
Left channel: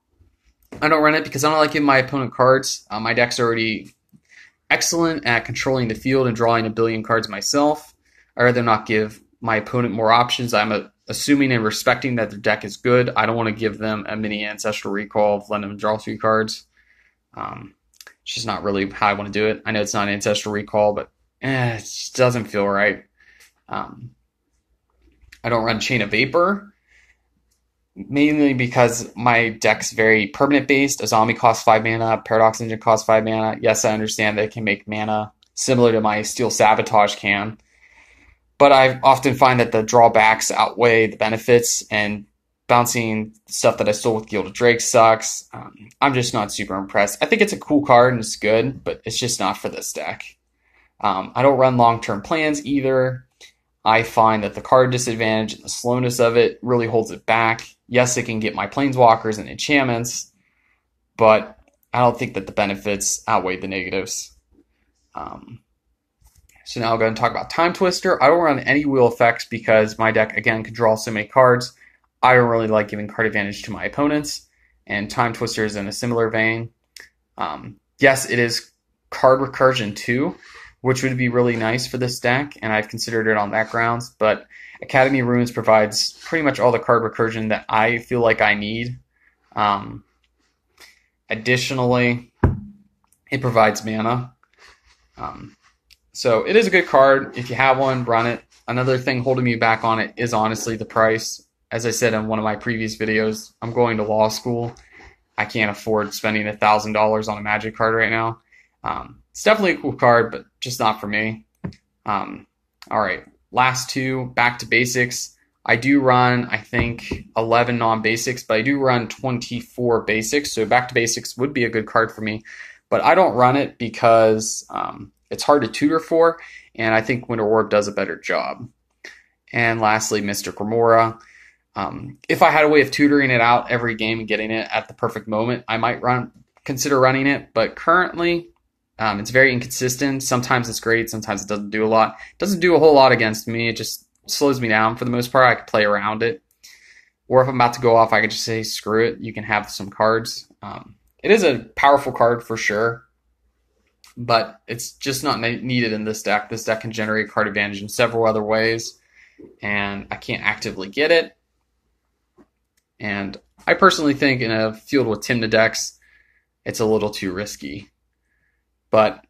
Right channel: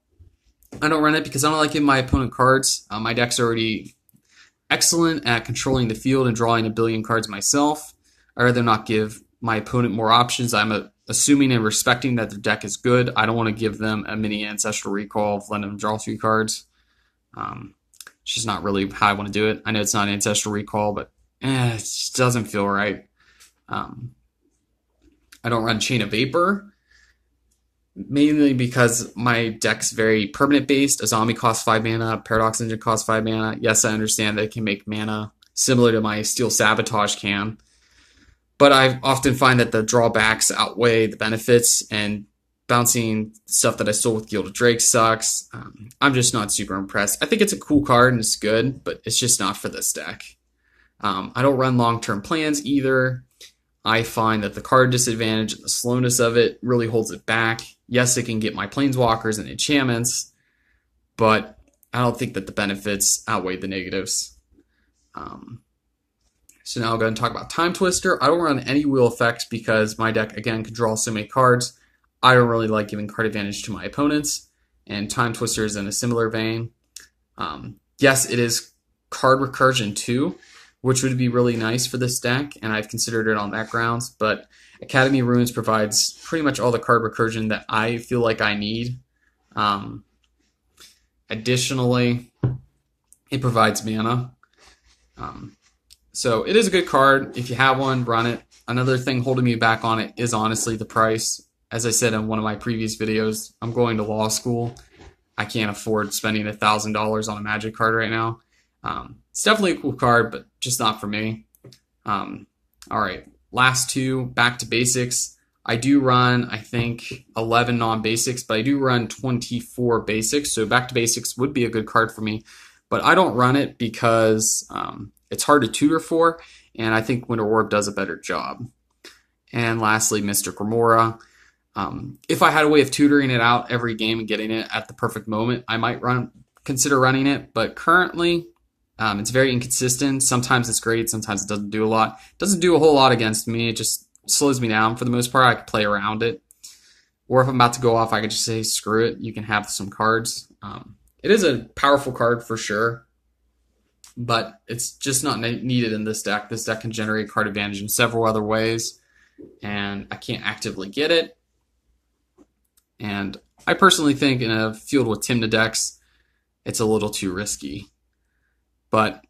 I don't run it because I don't like giving my opponent cards. My deck's already excellent at controlling the field and drawing a billion cards myself. I'd rather not give my opponent more options. I'm assuming and respecting that their deck is good. I don't want to give them a mini Ancestral Recall of letting them draw 3 cards. It's just not really how I want to do it. I know it's not Ancestral Recall, but it just doesn't feel right. I don't run Chain of Vapor, mainly because my deck's very permanent based. Azami costs 5 mana, Paradox Engine costs 5 mana. Yes, I understand that it can make mana similar to my Steel Sabotage can. But I often find that the drawbacks outweigh the benefits, and bouncing stuff that I stole with Gilded Drake sucks. I'm just not super impressed. I think it's a cool card and it's good, but it's just not for this deck. I don't run long-term plans either. I find that the card disadvantage and the slowness of it really holds it back. Yes, it can get my planeswalkers and enchantments, but I don't think that the benefits outweigh the negatives. So now I'll go and talk about Time Twister. I don't run any wheel effects because my deck, again, can draw so many cards. I don't really like giving card advantage to my opponents, and Time Twister is in a similar vein. Yes, it is card recursion too, which would be really nice for this deck, and I've considered it on that grounds, but Academy Runes provides pretty much all the card recursion that I feel like I need. Additionally, it provides mana. So it is a good card. If you have one, run it. Another thing holding me back on it is honestly the price. As I said in one of my previous videos, I'm going to law school. I can't afford spending $1,000 on a Magic card right now. It's definitely a cool card, but just not for me. All right, last 2, back to basics. I do run, I think, 11 non-basics, but I do run 24 basics. So back to basics would be a good card for me, but I don't run it because it's hard to tutor for, and I think Winter Orb does a better job. And lastly, Mystic Remora. If I had a way of tutoring it out every game and getting it at the perfect moment, I might consider running it, but currently It's very inconsistent. Sometimes it's great, sometimes it doesn't do a lot. It doesn't do a whole lot against me. It just slows me down for the most part. I can play around it. Or if I'm about to go off, I can just say, screw it, you can have some cards. It is a powerful card for sure, but it's just not needed in this deck. This deck can generate card advantage in several other ways, and I can't actively get it. And I personally think in a field with Tymna decks, it's a little too risky. But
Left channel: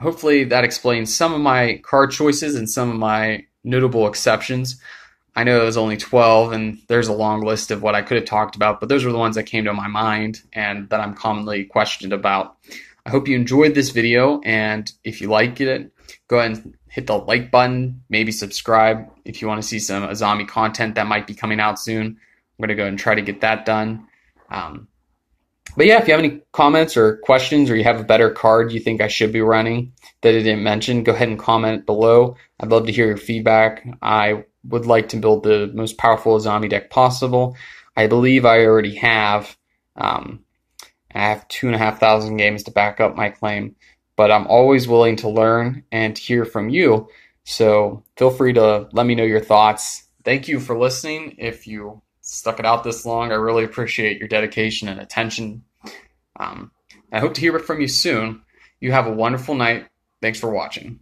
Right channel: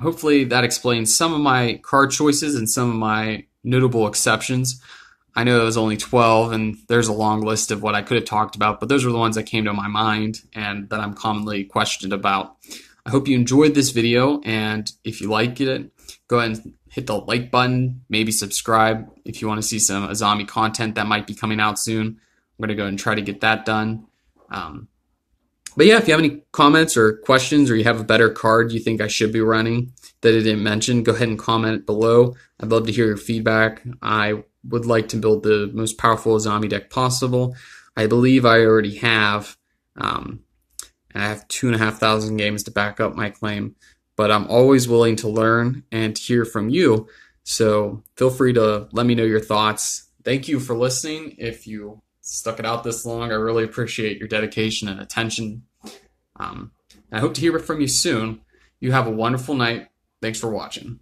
hopefully that explains some of my card choices and some of my notable exceptions. I know it was only 12, and there's a long list of what I could have talked about, but those were the ones that came to my mind and that I'm commonly questioned about. I hope you enjoyed this video, and if you liked it, go ahead and hit the like button, maybe subscribe if you want to see some Azami content that might be coming out soon. I'm going to go and try to get that done. But yeah, if you have any comments or questions, or you have a better card you think I should be running that I didn't mention, go ahead and comment below. I'd love to hear your feedback. I would like to build the most powerful Azami deck possible. I believe I already have. I have 2,500 games to back up my claim, but I'm always willing to learn and to hear from you. So feel free to let me know your thoughts. Thank you for listening. If you stuck it out this long, I really appreciate your dedication and attention. I hope to hear from you soon. You have a wonderful night. Thanks for watching.